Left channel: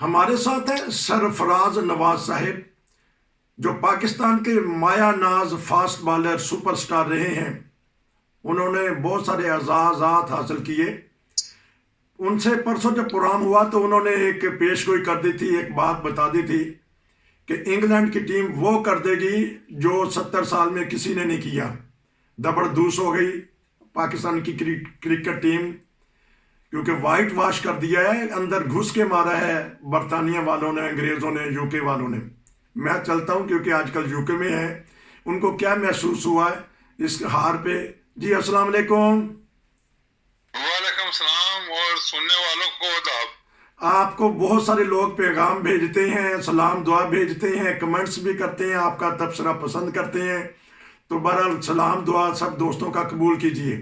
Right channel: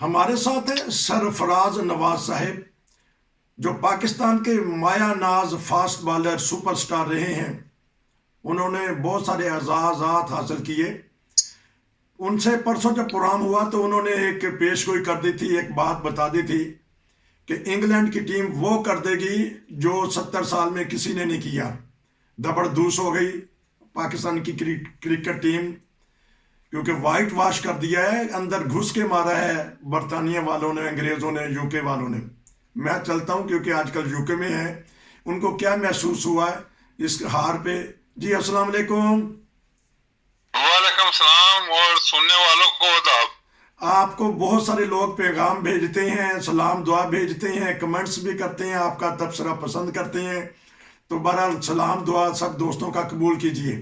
ہمارے ساتھ ہیں سرفراز نواز صاحب، جو پاکستان کے مایہ ناز فاسٹ بالر سپر سٹار رہے ہیں۔ انہوں نے بہت سارے اعزازات حاصل کیے۔ ان سے پرسوں جب پروگرام ہوا تو انہوں نے ایک پیش گوئی کر دی تھی، ایک بات بتا دی تھی کہ انگلینڈ کی ٹیم وہ کر دے گی جو 70 سال میں کسی نے نہیں کیا۔ دبڑ دوس ہو گئی پاکستان کی کرکٹ ٹیم، کیونکہ وائٹ واش کر دیا ہے، اندر گھس کے مارا ہے برطانیہ والوں نے، انگریزوں نے، یو کے والوں نے۔ میں چلتا ہوں کیونکہ آج کل یو کے میں ہے، ان کو کیا محسوس ہوا ہے اس ہار پہ؟ جی السلام علیکم۔ وعلیکم السلام، اور سننے والوں کو آداب۔ آپ کو بہت سارے لوگ پیغام بھیجتے ہیں، سلام دعا بھیجتے ہیں، کمنٹس بھی کرتے ہیں، آپ کا تبصرہ پسند کرتے ہیں، تو بہرحال سلام دعا سب دوستوں کا قبول کیجیے۔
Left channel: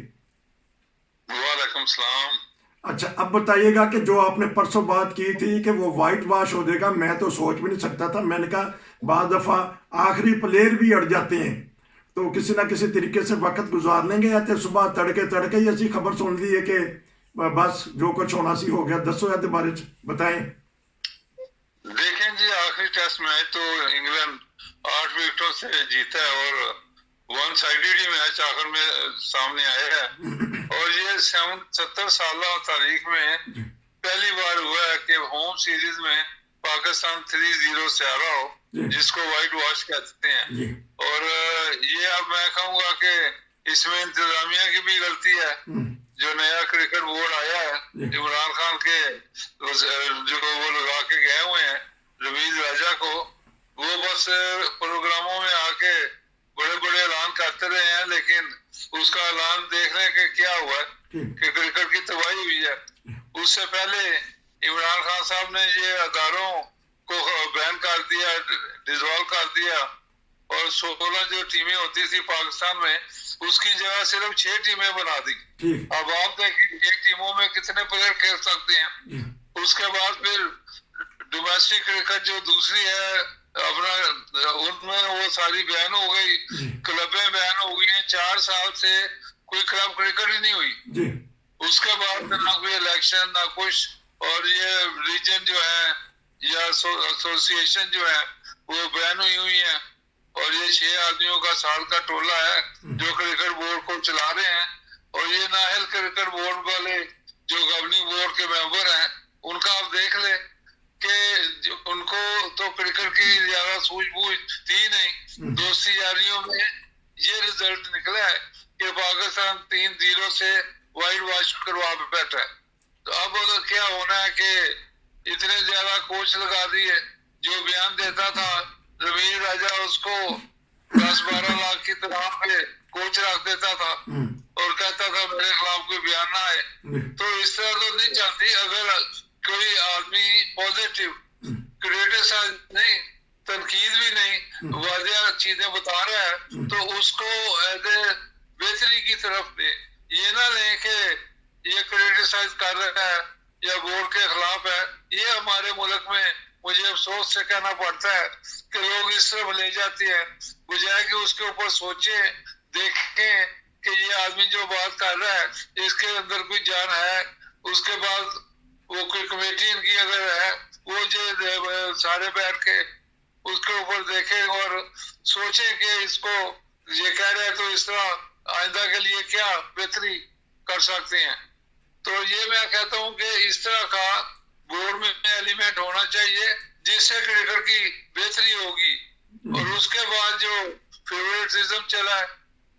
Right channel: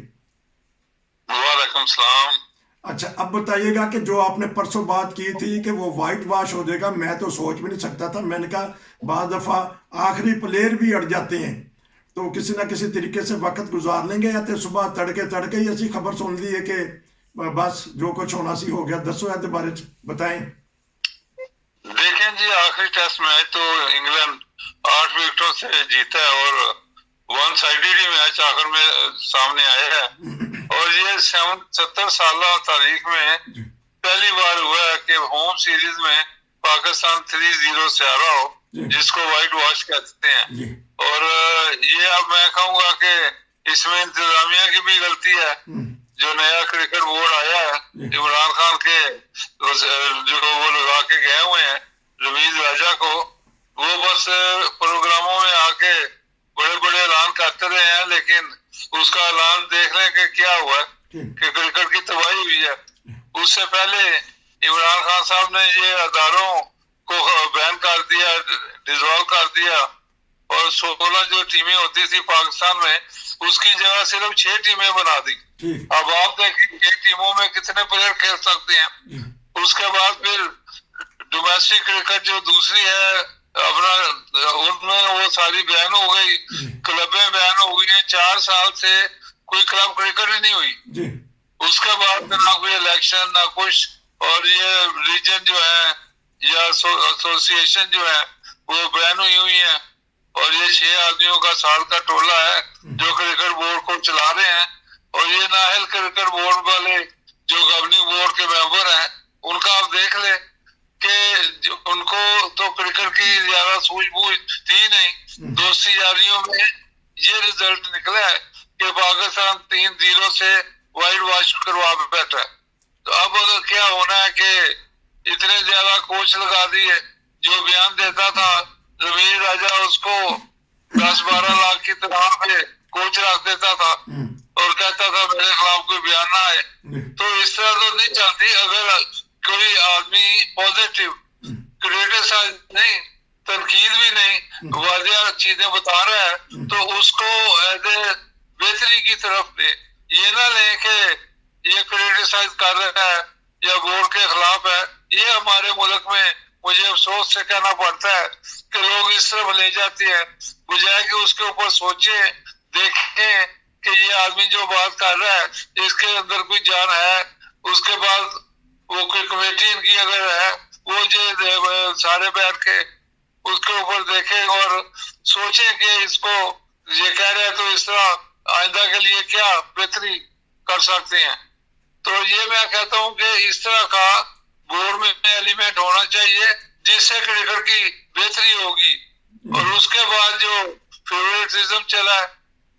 وعلیکم السلام۔ اچھا اب بتائیے گا کہ جو آپ نے پرسوں بات کی تھی کہ وہ وائٹ واش ہو جائے گا، میں تو سوچ بھی نہیں سکتا تھا۔ میں نے کہا بعض دفعہ آخری پلیئر بھی اڑ جاتے ہیں، تو کسی نہ کسی طریقے سے وقت گزار لیں گے۔ یا تو صبح تڑکے ہی ایسی خبر سن لی ہے کہ بس جو کچھ ہونا سی ہو گیا۔ دسو ایسے بارے بتائیں۔ دیکھیں جی، آخری ٹیسٹ میچ تو انگلینڈ 8 وکٹوں سے جیتا ہے اور 1 سائیڈڈ ہی میچ آخر میں سامنے آیا ہے، اور یہ 70 سالہ تاریخ میں پہلی بار ہوا ہے کہ ہوم سیریز میں پاکستان 3-0 سے ہارا ہو، جس کو وائٹ واش کہتے ہیں۔ اور یہ اب میں کہوں گا کہ اس میں انتظامیہ کی بھی غلطی ہے۔ جو نیا کرکٹ بورڈ آیا ہے عمران خان کے جو وہ لگا کے گئے ہوئے ہیں رمیز راجہ کو، وہ بس پروگراموں میں آ کے بڑے بڑے اعلان کرتے رہے ہیں، لیکن اس کا اعلان دیکھ لیں کہ کیا ہوا کہ کرکٹ کی تباہی ہوئی ہے۔ اس سے پہلے عمران خان صاحب نے یہ اداروں کو بین کر دیا، ڈیزالو کر دیا، اور 16 جو ٹیمیں ہوتی تھی پاکستان میں، اس کی جگہ صرف 6 ٹیمیں بنا دی۔ اب آپ دیکھیں 6 ٹیموں میں کتنے پلیئر کھیل سکتے ہیں۔ اس کے بعد پھر ڈومیسٹک کرکٹ جو دوسری ہے اپنا، ان میں وہ ساری بین ہو گئی، کلبیں بین ہو گئی ہیں۔ 4 سال سے کوئی کلب کرکٹ ہی نہیں ہوئی۔ اس کے بعد نہ کوئی الیکشن نہ کچھ، اور یہ ریجن جو ہے یا ایسوسی ایشن جو ہے وہ بین ہوئی ہیں، اور یہ 6 آدمیوں کا سال کا ٹولہ ہے جو کرکٹ بورڈ کو چلا رہے ہیں۔ اور یہ نااہل کرکٹ بورڈ والے جو گورننگ بورڈ کے ممبر ہیں، ان کا آپ دیکھ لیں کہ ان کو تو کرکٹ کی زیادہ سوجھ بوجھ تھی نہیں۔ دوستی یاریوں میں یہ رزلٹ نکلا ہے کہ پاکستان 3-0 سے وائٹ واش کروا بیٹھا ہے۔ تو اب اگر کیا ہونا ہے کہ اتنے زیادہ کوچ لگا دیے، جو بیان دیتا تھا رمیز راجہ اس کو 10-12 لاکھ کی تنخواہ پہ کوچ رکھ دیتا تھا اور کہتا تھا میرے خلاف کوئی بیان نہ آئے۔ تو اس طرح تو نہیں چلتی۔ اگر کوئی آدمی پازیٹیو کریٹیسائز نہیں، تنقید بھی نہیں، واضح چیزیں بتا رہا ہے، تو اس کو بہتری کی طرف لے۔ یہ نہ لیں کہ یہ کریٹیسائز کر رہا ہے یا بورڈ کے خلاف ہے۔ یہ ہمارے ملک میں مجھے افسوس سے کہنا پڑتا ہے کہ لوگ اس طرف لے جاتے ہیں، بجائے کہ اس کے اوپر سوچیں، دیکھیں کہ یہ آدمی جو بات کر رہا ہے اس کے اندر کوئی جان ہے۔ اس کے بعد وہ کوئی کمیٹی ان کی اگر ہے، وہ جو سارے بیٹھ کے اس کے اوپر دیکھیں اور سوچیں کہ اس کو یہ کہہ رہے ہیں تو اس طرح آئندہ کے لیے کیا بہتری کر سکتے ہیں۔ تو یہ میں کہتا ہوں کہ اس طرح کا بورڈ میں ایلیمنٹ ہونا چاہیے جس سے کرکٹ کی بہتری ہوگی۔ اور اس کے بعد جو فیوریٹزم چلا ہے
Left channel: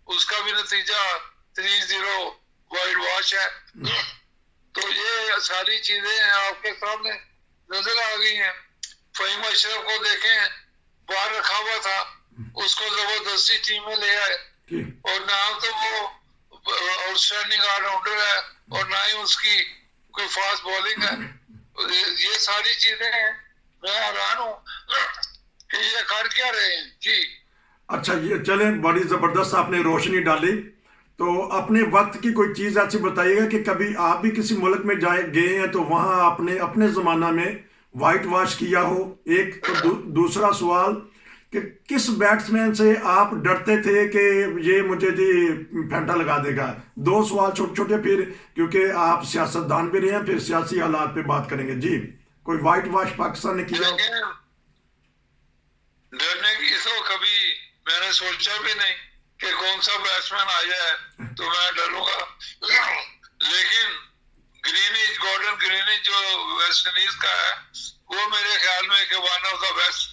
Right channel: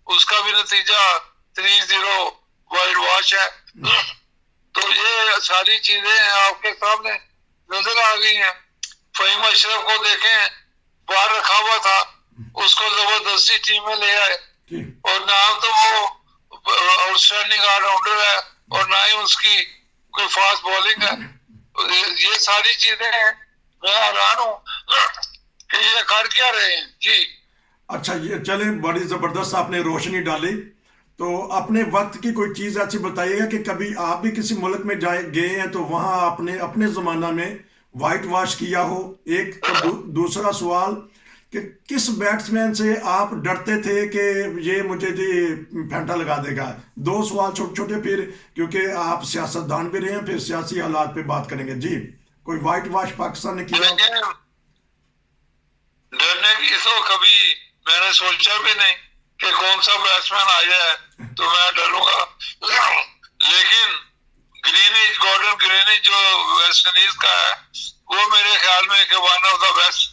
اس کا بھی نتیجہ 3-0 وائٹ واش ہے۔ تو یہ ساری چیزیں آپ کے سامنے نظر آ گئی ہیں۔ فہیم اشرف کو دیکھیں، باہر رکھا ہوا تھا، اس کو زبردستی ٹیم میں لے آئے، اور نہ تو وہ آؤٹ اسٹینڈنگ آل راؤنڈر ہے اور نہ ہی اس کی کوئی فاسٹ بالنگ ہے۔ یہ ساری چیزیں ہیں، میں حیران ہوں کہ یہ کر کیا رہے ہیں۔ جی اچھا یہ چلیں، بڑی زبردست آپ نے روشنی ڈالی۔ تو اپنے وقت کی کوئی چیز ایسی بتائیے گا کہ کبھی آپ بھی کسی ملک میں گئے ہیں تو وہاں اپنے زمانہ میں وائٹ واش کیا ہو۔ ایک تو دوسرا سوال کہ کس بیٹسمین سے آپ ڈرتے تھے کہ یہ مجھے جی پھینٹا لگا دے گا؟ 2 سوال چھوٹے چھوٹے، پھر کیونکہ آپ سیاستدان بھی رہے ہیں، پھر سیاسی حالات پہ بات کریں گے۔ جی کوئی وائٹ واش پاکستان نے کیا؟ ڈرنے کی تو کبھی میں نے سوچا بھی نہیں کہ کون سا بیٹسمین آ جائے تو میں ڈروں گا، لیکن گارڈن گرینیج جو ویسٹ انڈیز کا ہے وہ میرے خیال میں کہ one of the best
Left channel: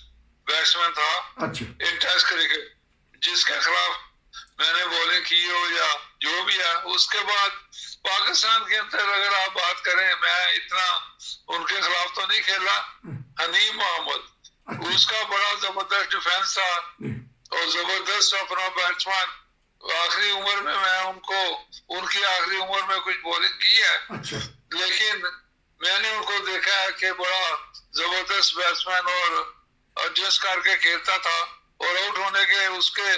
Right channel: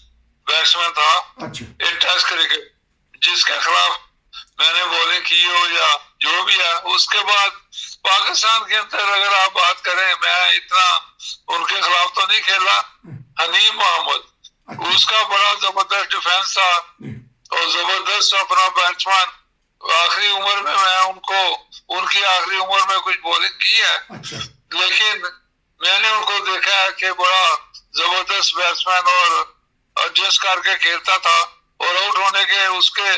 batsman تھا ان ٹیسٹ کرکٹ، جس کے خلاف میں نے بولنگ کی ہو یا جو بھی ہے. اس کے بعد پاکستان کے اندر اگر آپ بات کریں، میں اتنا ان کے خلاف تو نہیں کھیلا. حنیم محمد اس کا بڑا زبردست ڈیفینس تھا اور زبردست اپنا بیٹسمین. آخری عمر میں ان کی آخری عمر میں کچھ بولنگ کی ہے، لیکن میں نے ان کو دیکھا ہے کہ بڑا زبردست بیٹسمین اور ایڈجسٹ کر کے کھیلتا تھا اور آؤٹ ہونے کے اس کے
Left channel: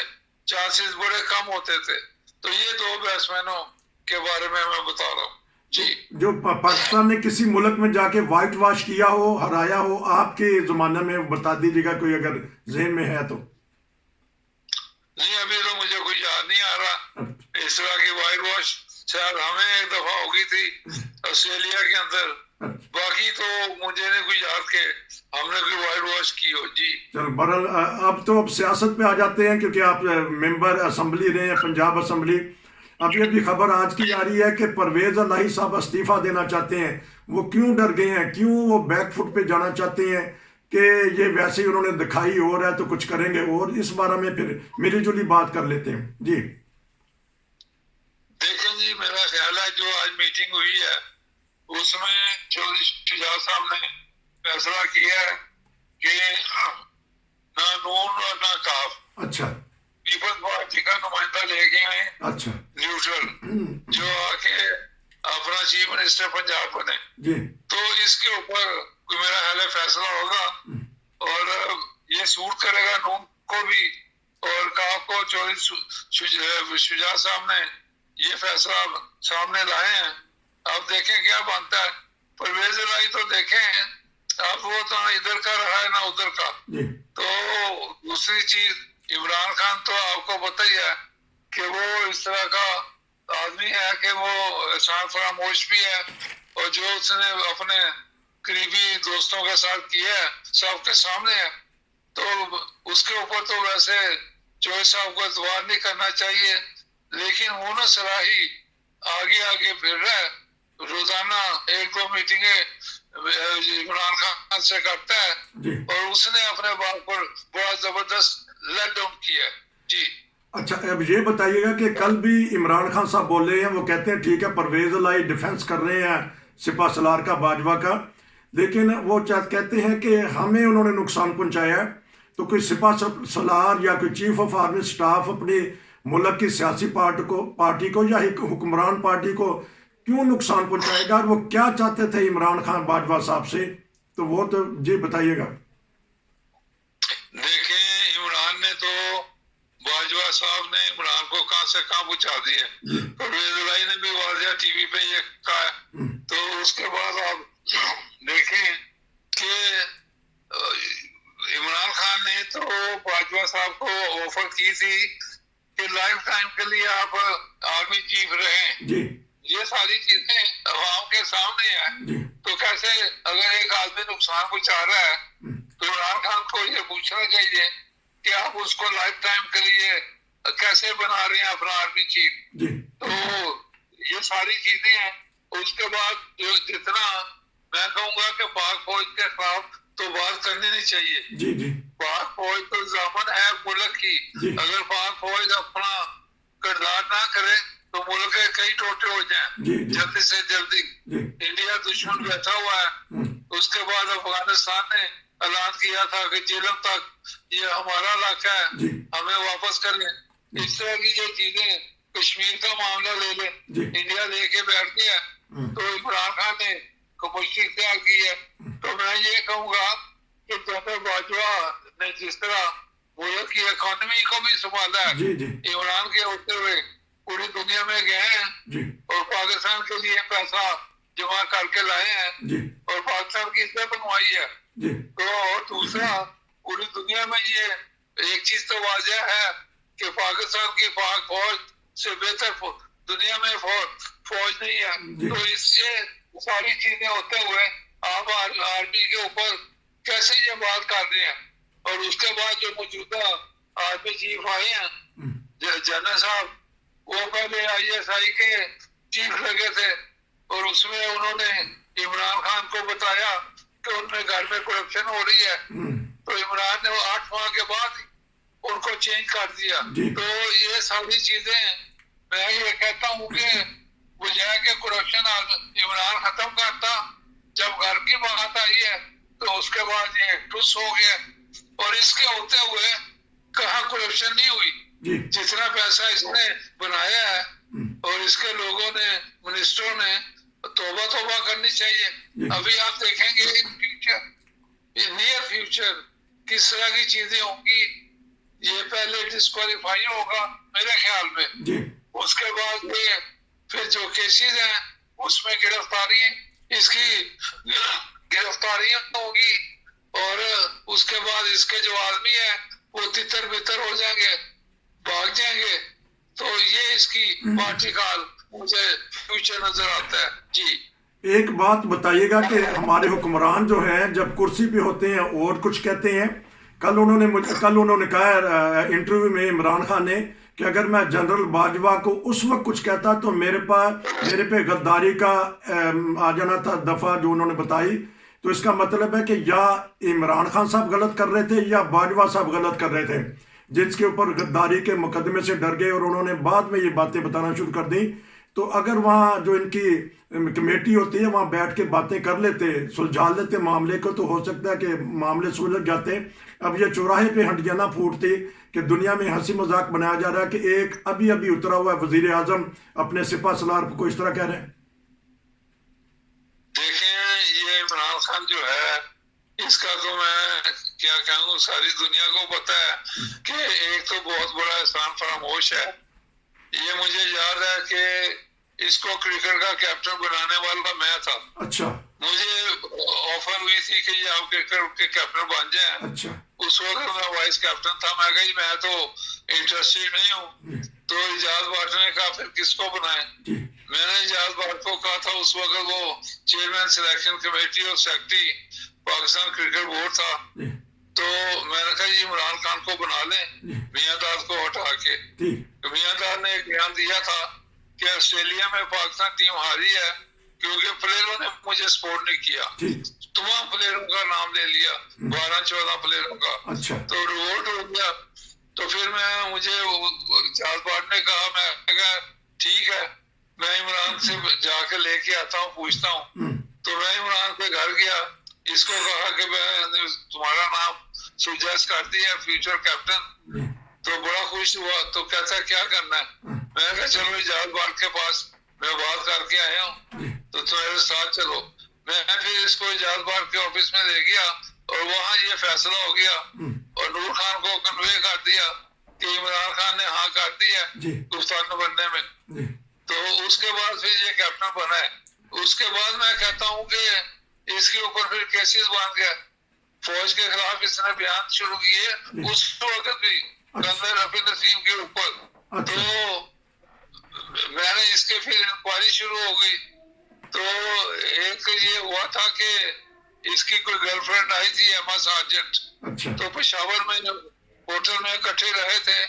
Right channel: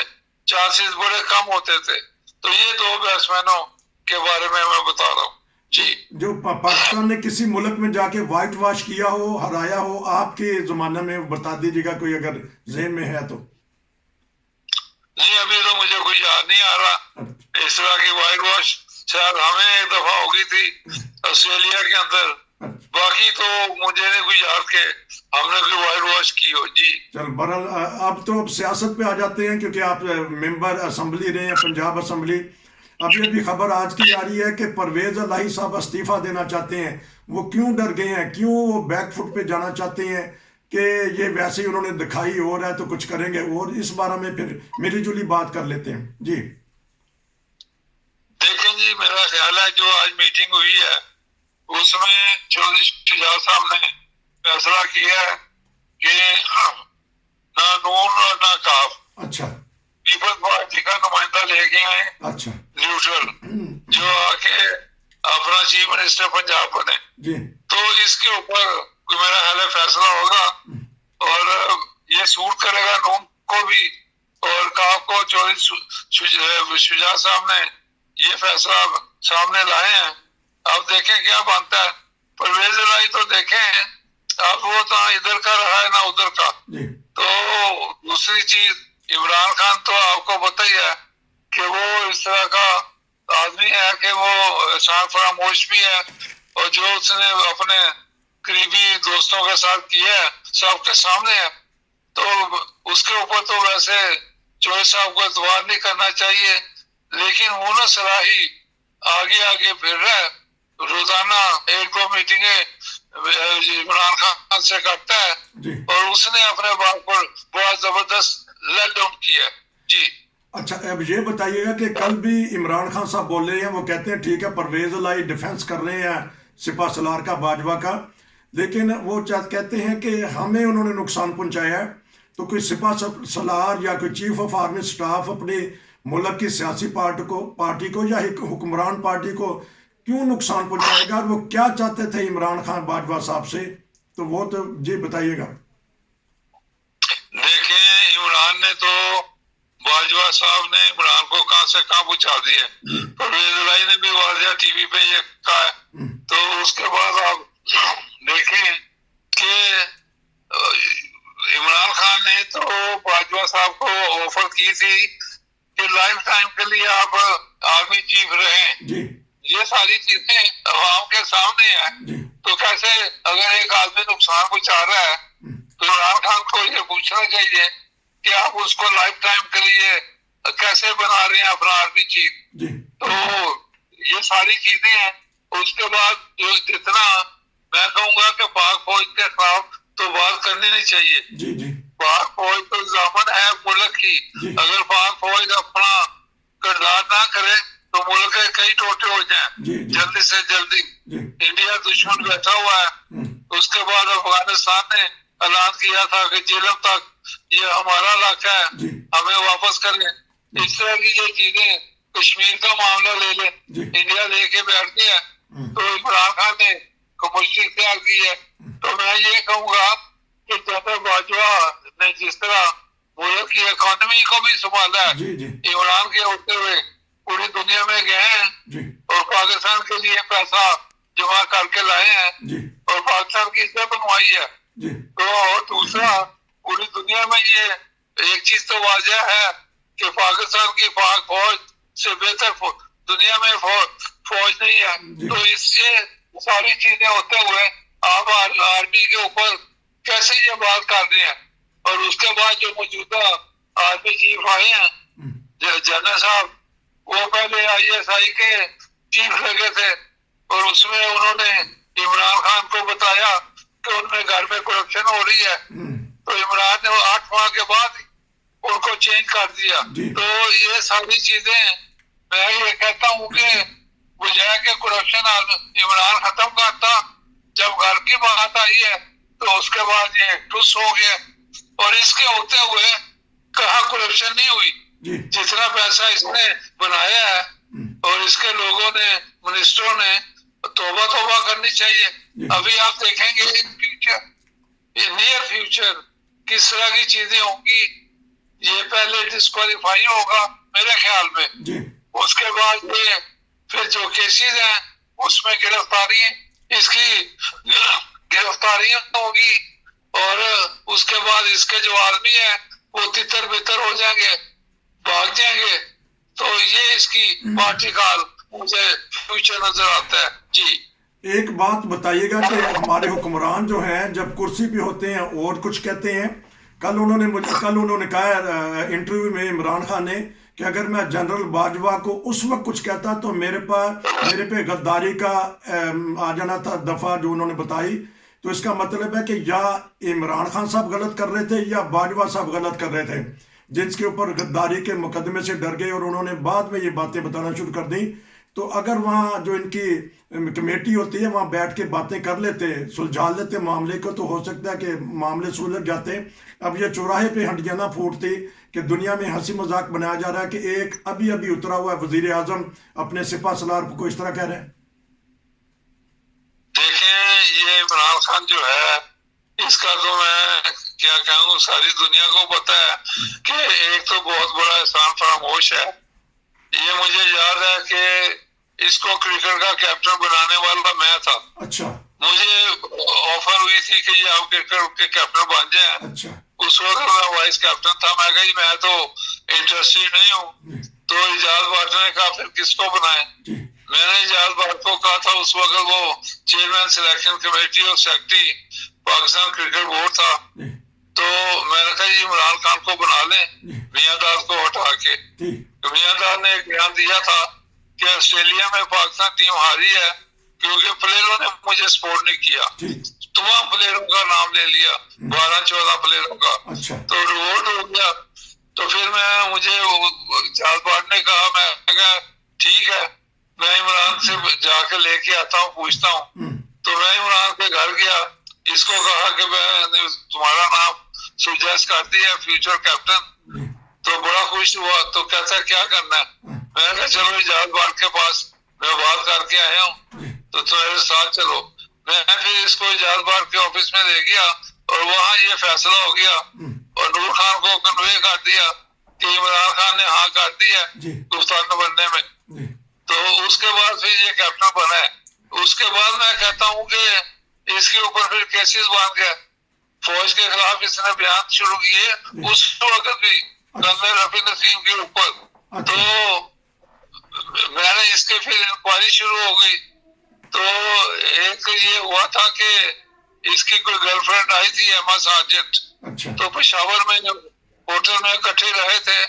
چانسز بڑے کم ہوتے تھے. تو یہ دو بیٹسمینوں کے بارے میں بتا رہا ہوں. جی، جو پاکستان نے کسی ملک میں جا کے وائٹ واش کیا ہو، ہرایا ہو، آپ کے زمانے میں بتا دیجیے گا کوئی اگر ذہن میں ہے تو. جی ابھی تو مجھے کوئی یاد نہیں آ رہا اس طرح کی وائٹ واش. شاید ہمیں ایک دفعہ ہوگی تھی آسٹریلیا کے اندر، باقی تو مجھے نہیں کوئی یاد کہ ہم نے کوئی وائٹ واش کی ہو. جی چل بہرحال اب تو سیاست پہ آ جاتے ہیں، کیونکہ آپ ممبر اسمبلی رہے ہیں پنجاب اسمبلی. ابھی خبر آج کی آ رہی ہے کہ پرویز الہی صاحب استعفیٰ دینا چاہتے ہیں. وہ کیوں ڈر گئے ہیں؟ کیوں وہ بیک فٹ پہ جانا چاہتے ہیں کہ یہ ویسے ہی انہوں نے دکھائی اور ہے تو کچھ کریں گے؟ اور اس بارے میں پھر ملی جلی بات کر لیتے ہیں. جی دیکھیں جی، میرا خیال ہے جو آج میٹنگ ہوئی ہے اس میں چودھری شجاع صاحب نے فیصلہ کیا ہے کہ نہ نون اور نہ کاف پیپلز پارٹی کا نمائندہ لے گئے ہیں نیوٹرل، جو آ کے اپنا چیف منسٹر پنجاب بنے. تو اس کے اوپر میرا خیال ہے فیصلہ ہوگا اور یہ سوٹ کرے گا نون کو بھی اور کاف کو. چودھری شجاع صاحب نے یہ فیصلہ سامنے لائے ہیں. آپ دیکھیں کیا بنتا ہے. پرویز الہی تو دیکھیں اب وہ تو ادھر کا رہا ہے نہ ادھر کا. تو دوسری چیز عمران خان تو آپ کو پتہ ہی ہے کہ وہ اس طرح کا آدمی ہے کہ وہ احسان فراموش بھی ہے، اور جو اس نے اپنے قریبی دوستوں کے ساتھ کیا ہے سب کے سامنے ہے. تو اس کے اوپر تو ویسے چوہدری صاحب کو اعتبار نہیں کرنا چاہیے، لیکن مونس صلاحی آگے پھر رہا ہے. روزانہ 1-2 میٹنگیں عمران خان سے کرتا ہے اور اس نے اپنے باپ پر بہت زبردست لیٹ ڈاؤن کیا. جی اچھا، اب یہ بتائیے گا کہ کل بھی عمران خان صاحب بول رہے ہیں، وہ کہتے ہیں ٹھیک ہے پرویز الہی ڈیفینس کر رہے ہیں سپاہ سالار کا، باجوہ کا، لیکن وہ کہتے ہیں کہ ہمیں انہوں نے نقصان پہنچایا ہے. تو کوئی سپاہ سالار یا کوئی چیف آف آرمی سٹاف اپنے ملک کی سیاسی پارٹی کو یا حکمران پارٹی کو کیوں نقصان پہنچائے گا؟ اور وہ کیا چاہتے تھے عمران خان باجوہ صاحب سے؟ تو وہ تو جی بتائیے گا. دیکھیں عمران نے تو باجوہ صاحب نے عمران کو کہاں سے کہاں پہنچا دیا. پرویز الہی نے بھی واضح ٹی وی پہ یہ کہا ہے. تو اس کے بعد آپ دیکھیں کہ عمران خان نے تو باجوہ صاحب کو آفر کی تھی کہ لائف ٹائم کے لیے آپ آرمی چیف رہیں. یہ ساری چیزیں عوام کے سامنے ہیں. تو کیسے اگر ایک آدمی نقصان پہنچا رہا ہے تو عمران خان کو یہ پوچھنا چاہیے کہ آپ اس کو لائف ٹائم کے لیے کیسے بنا رہے ہیں اپنا آرمی چیف. تو یہ ساری چیزیں ہیں. اس کے بعد جو جتنا میں کہوں گا کہ پاک فوج کے خلاف تو بات کرنی نہیں چاہیے. پاک فوج تو ضامن ہے ملک کی. اگر پاک فوج اپنا کردار نہ کرے تو ملک کے کئی ٹوٹے ہو جائیں جلدی سے جلدی. انڈیا دشمن بیٹھا ہوا ہے. اس کے بعد افغانستان نے اعلان کیا تھا کہ جیلم تک یہ ہمارا علاقہ ہے، ہمیں واپس کریں. اس طرح کی یہ چیزیں، کشمیر کا معاملہ لے لیں، انڈیا لے کے بیٹھ گیا تو عمران خان نے کمشتی اختیار کی ہے. تو میں یہ کہوں گا کہ جیسے باجوہ نے جس طرح ملک کی اکانومی کو بھی سنبھالا ہے، عمران کے ہوتے ہوئے پوری دنیا میں گئے ہیں اور پاکستان کے لیے پیسہ جمع کر کے لائے ہیں اور پاکستان کی عزت بنوائی ہے. تو اور دوسرا پوری دنیا میں یہ ایک چیز تو واضح ہے کہ پاکستان کی پاک فوج سے بہتر دنیا میں فوج نہیں ہے. تو اس سے ساری چیزیں ہوتے ہوئے آپ آرمی کے اوپر کیسے یہ بات کر رہے ہیں؟ اور اس کے بعد جو موجودہ آرمی چیف آئے ہیں جنرل صاحب، وہ پہلے ISI کے چیف لگے تھے، اور اس میں انہوں نے عمران خان کو بتایا کہ ان میں گھر میں کرپشن ہو رہی ہے، تو عمران نے 8 ماہ کے بعد ان کو چینج کر دیا۔ تو یہ ساری چیزیں میں یہ کہتا ہوں کہ بجائے کہ کرپشن عمران ختم کرتا، جب گھر کی بات آئی ہے تو اس کے بعد یہ ٹس ہو گیا، اور اس کے ہوتے ہوئے کہاں کرپشن نہیں ہوئی؟ جتنا پیسہ اس نے بنایا ہے، اور اس کے لوگوں نے، منسٹروں نے توبہ کرنی چاہیے۔ ابھی آپ دیکھیں گے فیوچر، نیئر فیوچر کس طرح کی چیزیں ہوں گی۔ یہ پہلے ڈسکوالیفائی ہوگا میرے خیال میں، اس کے بعد یہ پھر جو کیسز ہیں اس میں گرفتاری، اس کی گرفتاریاں ہوگی، اور اس کے بعد اس کے جو آدمی ہے وہ تتر بتر ہو جائیں گے، بھاگ جائیں گے۔ تو یہ اس کی پارٹی کا مجھے فیوچر نظر آتا ہے۔ جی ایک بات بتائیے گا کہ ہمارے حکمران جو ہیں جب کرسی پہ ہوتے ہیں اور کچھ کہتے ہیں، کل انہوں نے کہا انٹرویو میں عمران خان نے کہ اگر میں جنرل باجوہ کو اس وقت کچھ کہتا تو میرے پہ غداری کا آ جانا تھا دفعہ جو انہوں نے بتائی۔ تو اس کا مطلب ہے کہ یا عمران خان صاحب غلط کر رہے تھے یا باجوہ صاحب غلط کر رہے تھے، جس کے اوپر غداری کے مقدمے سے ڈر گئے اور انہوں نے بعد میں یہ باتیں بتانا شروع کر دیں۔ تو اگر وہاں جو ان کی کمیٹی ہوتی ہے وہاں بیٹھ کے باتیں کر لیتے، سلجھا لیتے معاملے کو، تو ہو سکتا ہے کہ معاملے سلجھ جاتے۔ اب یہ چوراہے پہ ہنڈیاں نہ پھوٹتی کہ دنیا میں ہنسی مذاق بنایا جا رہا ہے کہ ایک ابھی اترا ہوا ہے وزیر اعظم اپنے سپاہ سالار کو اس طرح کہہ رہے ہیں۔ دیکھیں یہ عمران خان جو ہے، اس کا تو میں کیا کہوں، ساری دنیا کو پتا ہے کہ ایک تو بہت بڑا احسان فراموش ہے۔ یہ مجھے یاد ہے کہ اس کو کرکٹ کا کیپٹن بنانے والا میں تھا۔ اچھا، مجھے آفر ہوئی تھی کہ یہ آپ کرکٹ کے کیپٹن بن جائیں۔ اچھا، اس وقت میں وائس کیپٹن تھا۔ میں کہا میں تو انٹرسٹڈ نہیں ہوں۔ تو اجاز بھٹ نے کہا پھر کس کو بنائیں؟ میں نے اجاز بھٹ کو کہا تھا، اس وقت وہ چیئرمین سلیکشن کمیٹی اور سیکرٹری پاکستان کرکٹ بورڈ تھا۔ تو میں نے کہا یہ عمران خان کو بنا لیں میاں داد کو ہٹا کے۔ میاں داد نے ایک بیان دیا تھا کہ آسٹریلیا میں پاکستان ٹیم ہاری ہے کیونکہ پلیئروں نے مجھے سپورٹ نہیں کیا۔ تمام پلیئروں کا نام لے لیا، 12-14 پلیئروں کا، تو ریوولٹ ہو گیا۔ تو پھر مجھے اجاز بھٹ نے کہا، میں کہا ٹھیک ہے، میں عمران سے جا کے لے کے آتا ہوں، پوچھتا ہوں۔ تو میں عمران کے گھر گیا، اس کو کہا کہ میں تمہارا نام سجیسٹ کر دیا فیوچر کیپٹن۔ تو بڑا خوش ہوا، تو کہتا کیا کرنا ہے؟ میں نے کہا چلو اجاز بھٹ کے پاس میں بات کر کے آیا ہوں، تو تمہارے ساتھ چلو۔ میں پھر اس کو اجاز بھٹ کے آفس میں لے گیا، اور وہاں یہ فیصلہ ہو گیا، اور نور خان کو کنوے کر دیا کہ عمران خان نے ہاں کر دیا کپتان بننے میں۔ تو اس کے بعد پھر یہ کیپٹن بنا ہے۔ اس کے بعد میں کہتا ہوں کہ اس کے اوپر پھر کیسز بن گئے، فوج کے خلاف اس نے بیان شروع کیے اس وقت بھی جنرل رفیع نسیم کے اوپر۔ تو میں نے اس کے پھر انکوائری شروع ہو گئی۔ تو ایک یہ ہوا تھا کہ اس کی کوئی گرل فرینڈ آئی تھی ایما سارجنٹ، تو پشاور میں ہوٹل میں اکٹھے رہے تھے،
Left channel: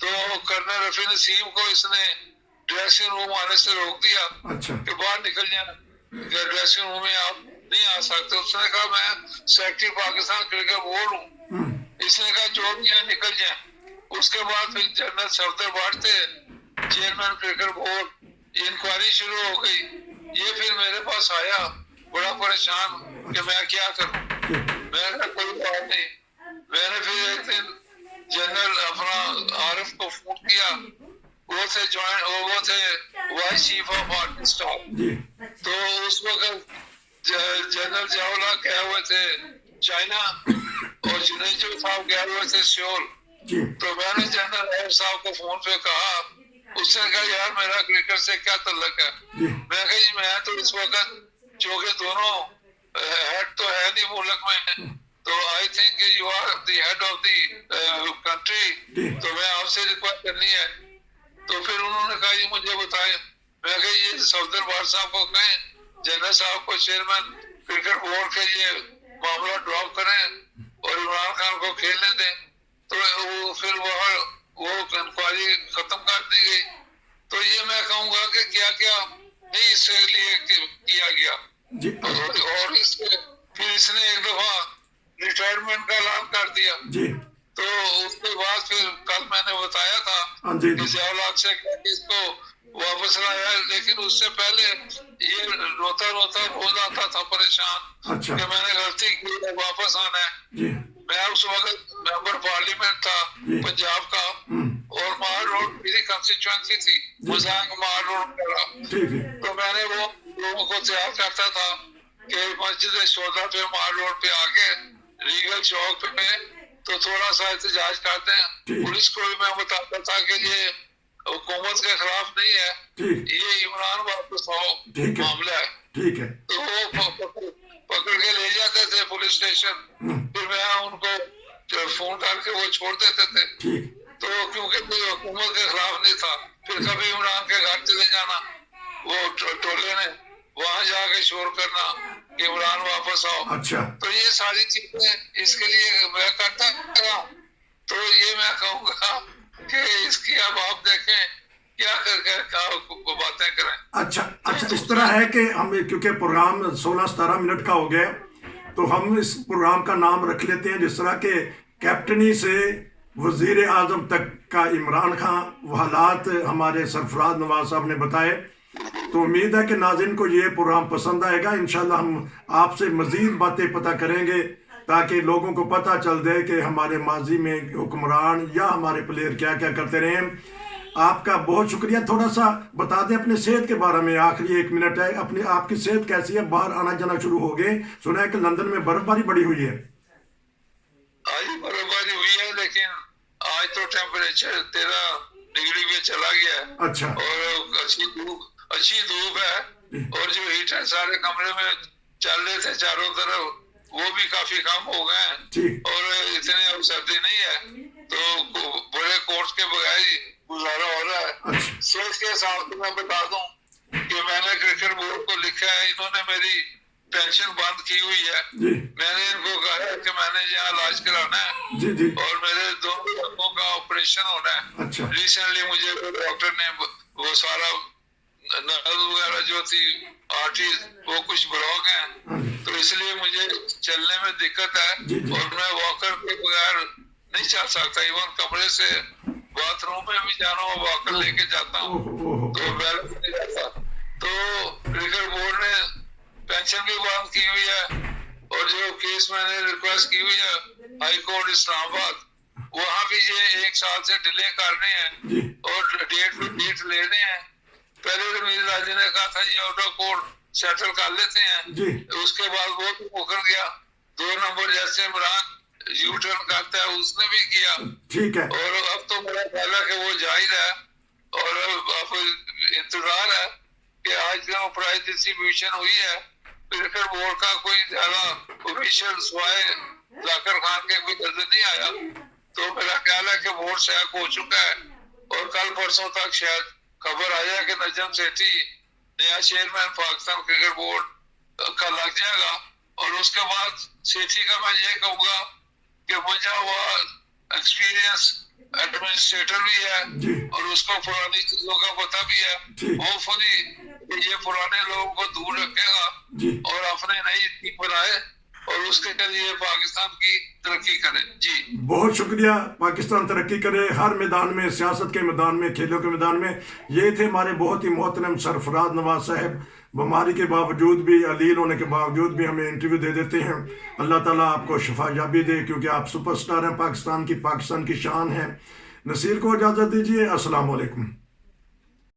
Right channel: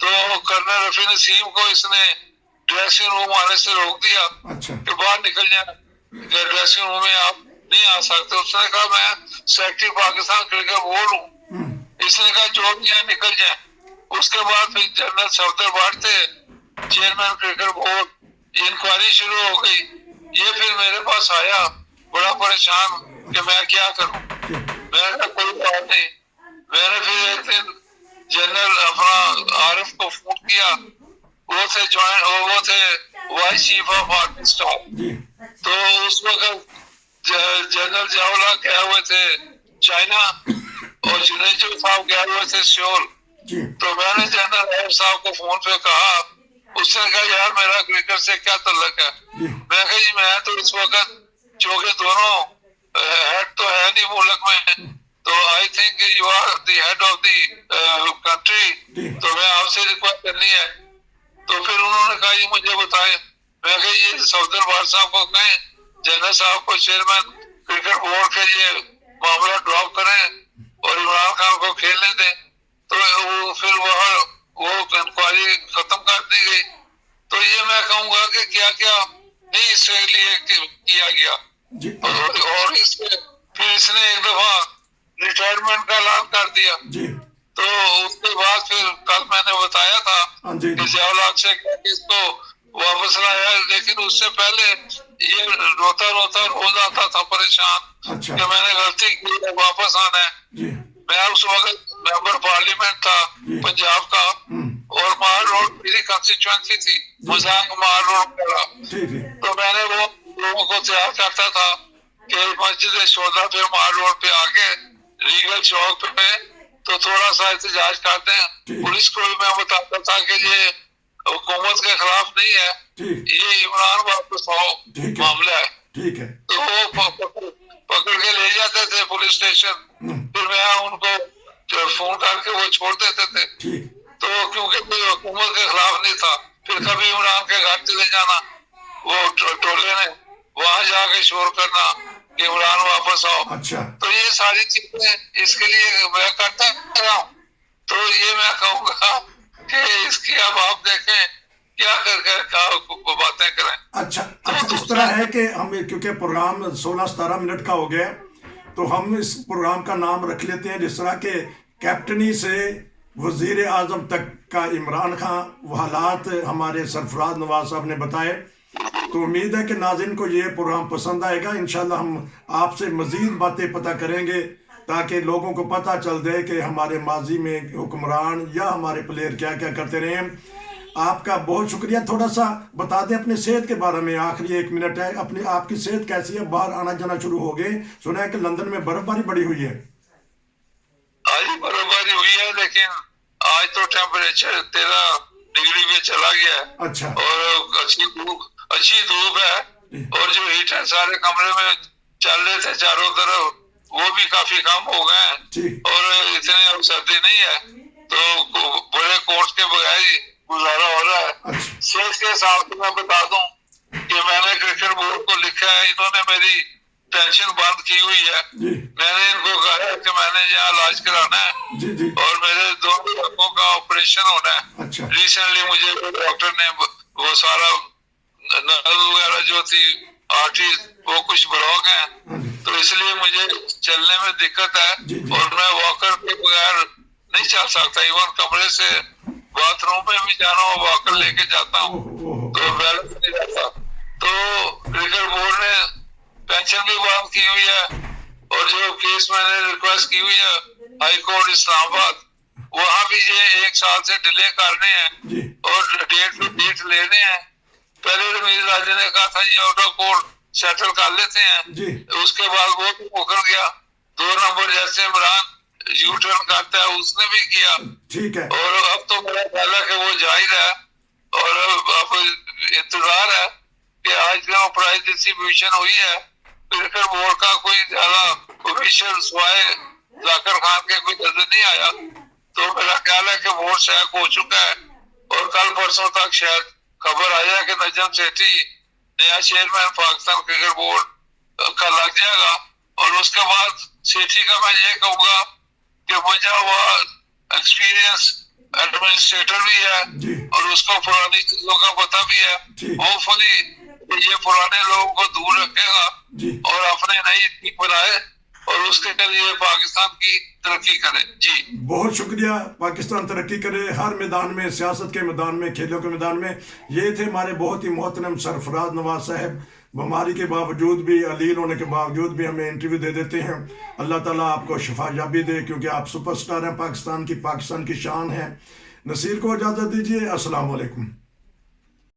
تو کرنل رفیع نسیم کو اس نے ڈریسنگ روم آنے سے روک دیا کہ باہر نکل جائیں، کہ ڈریسنگ روم میں آپ نہیں آ سکتے۔ اس نے کہا میں سیکرٹری پاکستان کرکٹ بورڈ ہوں۔ اس نے کہا جو بھی ہے نکل جائیں۔ اس کے بعد پھر جنرل صفدر بھٹ تھے چیئرمین کرکٹ بورڈ، انکوائری شروع ہو گئی۔ یہ پھر میرے پاس آیا بڑا پریشان کہ میں کیا کروں۔ میں نے کوئی بات نہیں۔ میں نے پھر ایک دن جنرل اپنا عارف کو فون کیا، وہ تھے vice chief of army staff. تو اس وقت جنرل جاولا گئے ہوئے تھے چائنا، اور جنیجو صاحب گئے ہوئے تھے سیول۔ تو میں نے جنرل عارف صاحب کو فون پہ کہا، اس نے کہا یار میرا کرکٹ سے کیا تعلق ہے؟ میں کہا جی میں تو اس وقت چونکہ دونوں ہیڈ تو ہے نہیں ملک میں، تو I think you are the head of the country, تو میں آپ سے ریکویسٹ کرنی ہے۔ تو پھر انہوں نے کہا یہ مجھے بتائیں۔ میں کہا یہ صفدر بھٹ صاحب کو کہیں، جنرل صاحب کو چیئرمین کرکٹ بورڈ کا یہ معاملہ ڈراپ کریں اور عمران خان کو کھیلنے دیں. تو پھر وہ انکوائری ختم کر دی گئی. تو یہ میں کہوں گا کہ کیا کیا نہیں اس کے لیے کیا گیا. اور اس کے پھر اس نے ایک دفعہ ریٹائرمنٹ کا اعلان کر دیا. تو اس کے بعد پھر کل میں نے بتایا تھا کہ ضیاء سے اس کو واپس لایا, لیکن اس سے پہلے یہ روتا روز آتا تھا پریشان کہ میں نے غلطی کی ہے, واپس آنا ہے. میں اس وقت ممبر پارلیمنٹ تھا پنجاب کا, اور مار روڈ میری کنسٹیچوئنسی تھی, مزانگ مار روڈ کا. تو میں نے وہ لوگوں کو تیار کرتا تھا کہ مسجد شہداء پہ مار روڈ پہ آگے ریگل چوک پہ تو تھوڑا سا احتجاج کرتے ہیں. پولیس کو بھی میں بتاتا تھا کہ یہ حکومت کے خلاف نہیں ہے, یہ عمران واپس آؤ معاملہ ہے. تو وہ پکڑ کے لے جاتے تھے پولیس اسٹیشن, پھر میں ان کو فون کر کے وہ چھوڑ دیتے تھے. تو کیونکہ حکومت کے خلاف نہیں تھا, پھر کبھی عمران کے گھر چلے جانا, وہ ٹولے نے وہاں جا کے شور کرنا کہ عمران واپس آؤ. تو یہ ساری چیزیں اس کے لیے میں کرتا رہا ہوں. تو یہ میں کہوں گا کہ اس کی اب آپ دیکھیں کیا کر باتیں کریں. اچھا اس طرح ہے کہ ہم کیونکہ پروگرام 16-17 منٹ کا ہو گیا, تو ہم اس پروگرام کا نام رکھ لیتے ہیں جس طرح کہ کیپٹنی سے وزیر اعظم تک کا عمران خان وہ حالات ہمارے سرفراز نواز صاحب نے بتائے. تو امید ہے کہ ناظرین کو یہ پروگرام پسند آئے گا. انشاءاللہ ہم آپ سے مزید باتیں پتہ کریں گے تاکہ لوگوں کو پتہ چل جائے کہ ہمارے ماضی میں حکمران یا ہمارے پلیئر کیا کیا کرتے رہے ہیں. آپ کا بہت شکریہ. تھوڑا سا بتا دیں اپنے صحت کے بارے میں, آخری 1 منٹ ہے. آپ کی صحت کیسی ہے؟ باہر آنا جانا شروع ہو گئے, سنا ہے کہ لندن میں برف باری بڑی ہوئی ہے. آج برف باری ہوئی ہے, لیکن آج تو ٹیمپریچر 13 ڈگری پہ چلا گیا ہے. اچھا. اور اچھی دھوپ ہے, اور جو ہیٹ ہے سارے کمرے میں چل رہے تھے چاروں طرف, وہ بھی کافی کم ہو گئے ہیں, اور اتنی اب سردی نہیں ہے, تو بڑے کوٹ کے بغیر ہی گزارا ہو رہا ہے. صحت کے حساب سے میں بتا دوں کہ میں نے کرکٹ بورڈ کو لکھا ہے, انہوں نے میری پینشن بند کی ہوئی ہے. میں نے ان کو کہا ہے کہ میں نے یہاں علاج کرانا ہے, اور میرے 2 آنکھوں کا آپریشن ہونا ہے. ریسنٹلی مجھے ڈاکٹر نے وہ سارا نل وغیرہ جو تھی آرٹری وہ کچھ بلاک ہیں, تو اس لیے مجھے چلنے میں دقت ہے, اور میں واکر کے بغیر نہیں چل سکتا. ایون کمرے سے باتھ روم میں بھی جانا ہو واکر لے کے جاتا ہوں, تو بیلنس نہیں رہتا. تو کرکٹ بورڈ نے پینشن بھی بند کی ہوئی ہے, اور جو کیس میں نے ریکویسٹ کی ہوئی ہے ہائی کورٹ اسلام آباد, وہاں بھی یہ 1 سال سے ڈیلے کرنے ہیں اور ڈیٹ لینے ہیں. پہلے رمیز راجہ نے کہا تھا یہ آؤٹ آف کورٹ سیٹل کر لیتے ہیں, اس کے بعد وہ بھی مکر گیا. 2 نمبر جیسے عمران یو ٹرن کرتا ہے اس نے بھی کیا, اور اب تو میرا خیال ہے کہ وہ ظاہر ہے, اور اب انتظار ہے کہ آج کا پرائز ڈسٹریبیوشن ہوئی ہے. کرکٹ بورڈ کا کوئی زیادہ آفیشیل سوائے ذاکر خان کے کوئی نظر نہیں آیا, تو میرا خیال ہے کہ بورڈ سیک ہو چکا ہے, اور کل پرسوں تک شاید خبر آیا کہ نجم سیٹھی نیا چیئرمین پاکستان کرکٹ بورڈ کا لگ جائے گا. اور اس کے بعد سیٹھی کا میں یہ کہوں گا کہ مجھے وہ ایکسپیرینس ایڈمنسٹریٹر بھی ہے, اور اس کو پرانی چیزوں کا پتہ بھی ہے. ہوپ فلی یہ پرانے لوگوں کو دور رکھے گا اور اپنے نئی ٹیم بنائے, اور اس کے لیے پاکستان کی ترقی کرے. بہت شکریہ. پاکستان ترقی کرے ہر میدان میں, سیاست کے میدان میں, کھیلوں کے میدان میں. یہ تھے ہمارے بہت ہی محترم سرفراز نواز صاحب. بیماری کے باوجود بھی, علیل ہونے کے باوجود بھی ہمیں انٹرویو دے دیتے ہیں. اللہ تعالیٰ آپ کو شفا یابی دے, کیونکہ آپ سپر سٹار ہیں پاکستان کی شان ہیں. نصیر کو اجازت دیجیے. السلام علیکم.